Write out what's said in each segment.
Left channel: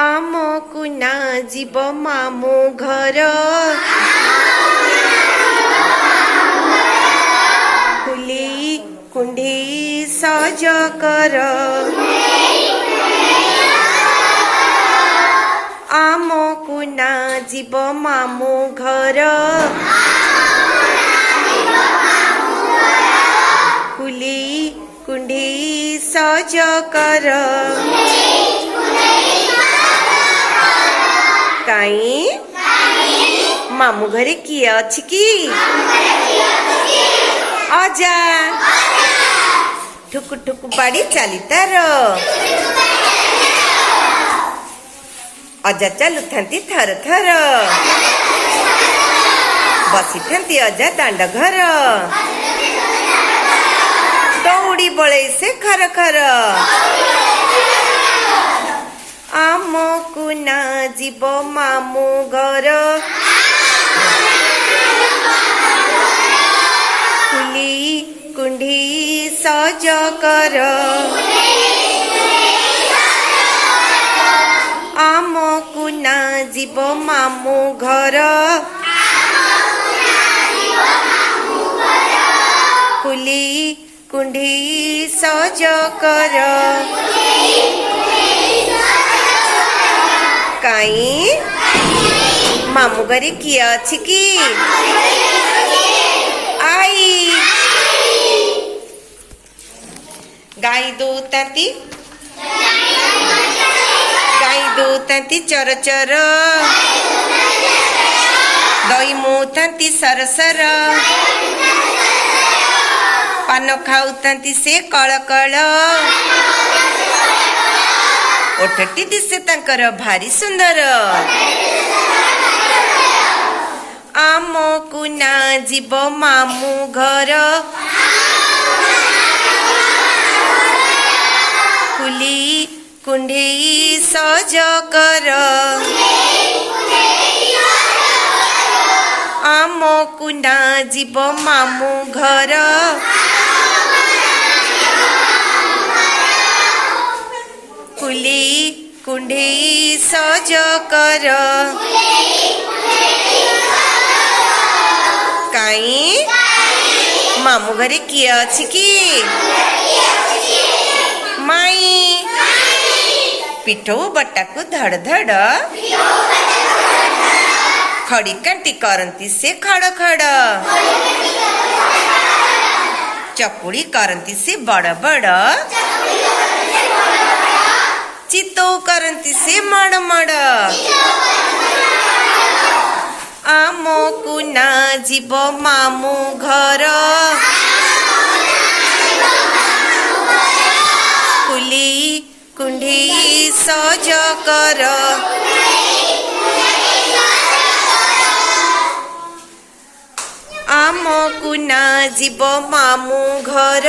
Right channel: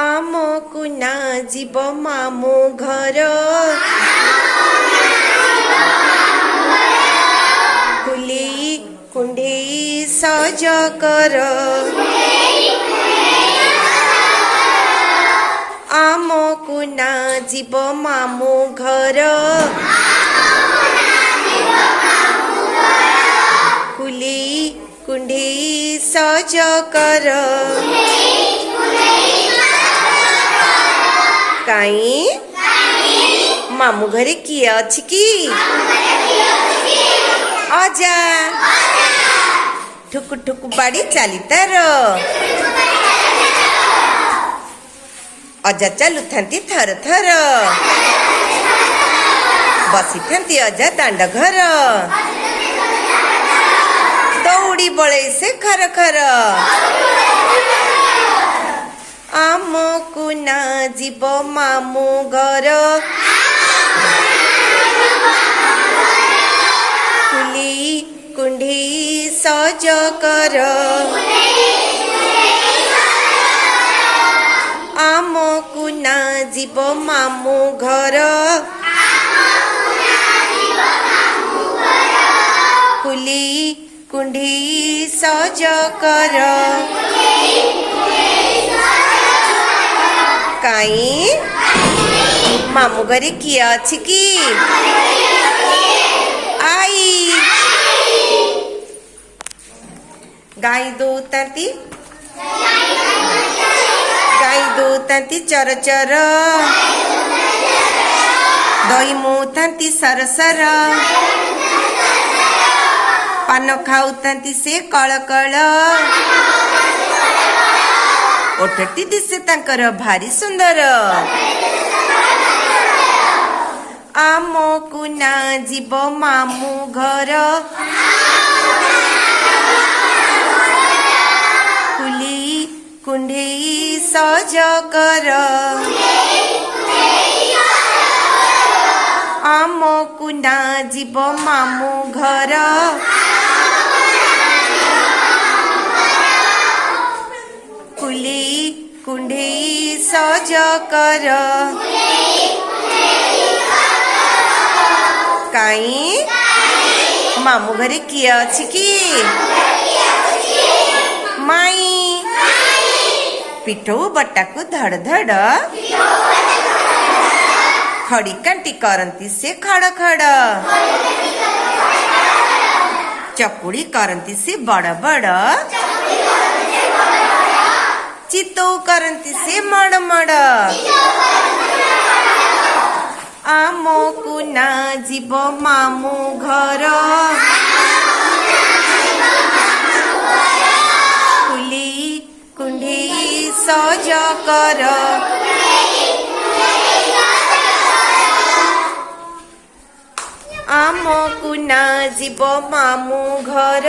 आमको ना जीव मामू घर कुली कुंडी सज कर आमको ना जीव मामू घर कुली कुंडी सज कर काई मामू घरे किए अछि कि अजा ठुकु ठुकु बाड़ी चली तार अजा चलु थांती थर थर बसी थांती अजा दांड घर दौड़ी बड़े से खर खर आमको ना जीव मामू घर कुली कुंडी सज कर आमको ना जीव मामू घर कुली कुंडी सज कर काई मामू घरे किए अछि कि आई गाई दूतांती चर चर दही मुतांती सर सर पान खाऊतांती से कळ कळ ओठटी दिसे तांकर भारी सुंदर आमको ना जीव मामू घर कुली कुंडी सज कर आमको ना जीव मामू घर कुली कुंडी सज कर काई मामू घरे किए अछि कि माई पिठो बट्टा को धड़ धड़ खड़ी कांटी करंती से खड़ खड़ चकुड़ी करंती से बड़ बड़ चितौ करंती से मड़ मड़ आमको ना जीव मामू घर कुली कुंडी सज कर आमको ना जीव मामू घर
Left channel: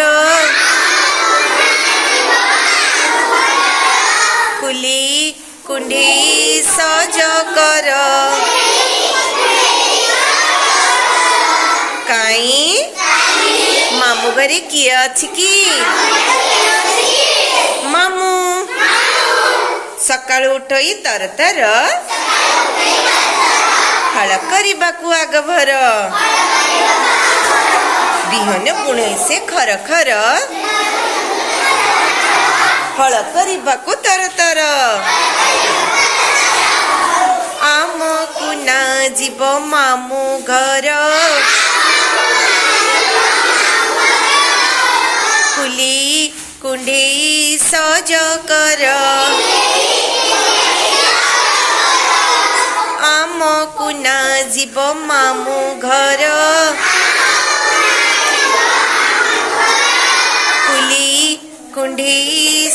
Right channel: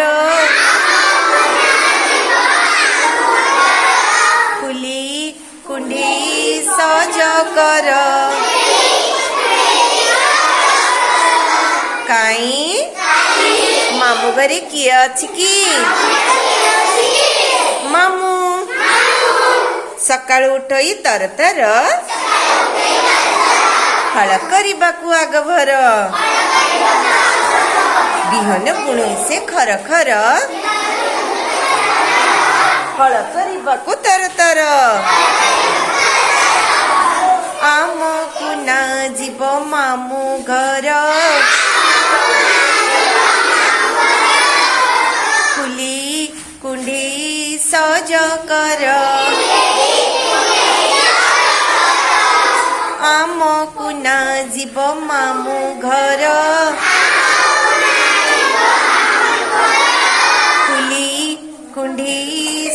कुली कुंडी सज कर काई मामू घरे किए अछि कि मामू सकाळु उठई तर तर हल करबाकू आगभर बिहन बुणे से खर खर हल करबाकू तर तर आमको ना जीव मामू घर कुली कुंडी सज कर आमको ना जीव मामू घर कुली कुंडी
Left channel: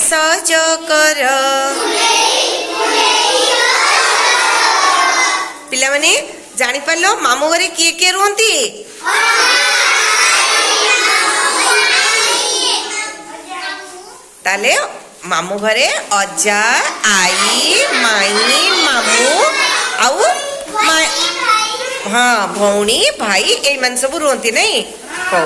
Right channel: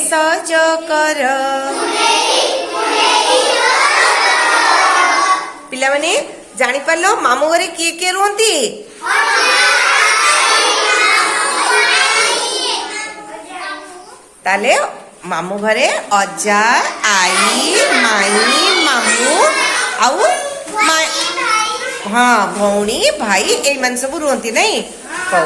सज कर पिला माने जानी पारलो मामू घरे किए किए रुहंती ताले मामू घरे अजा आई माई मामू आउ हाँ भौणी भाई ए मन सब रुहंती नहीं कौ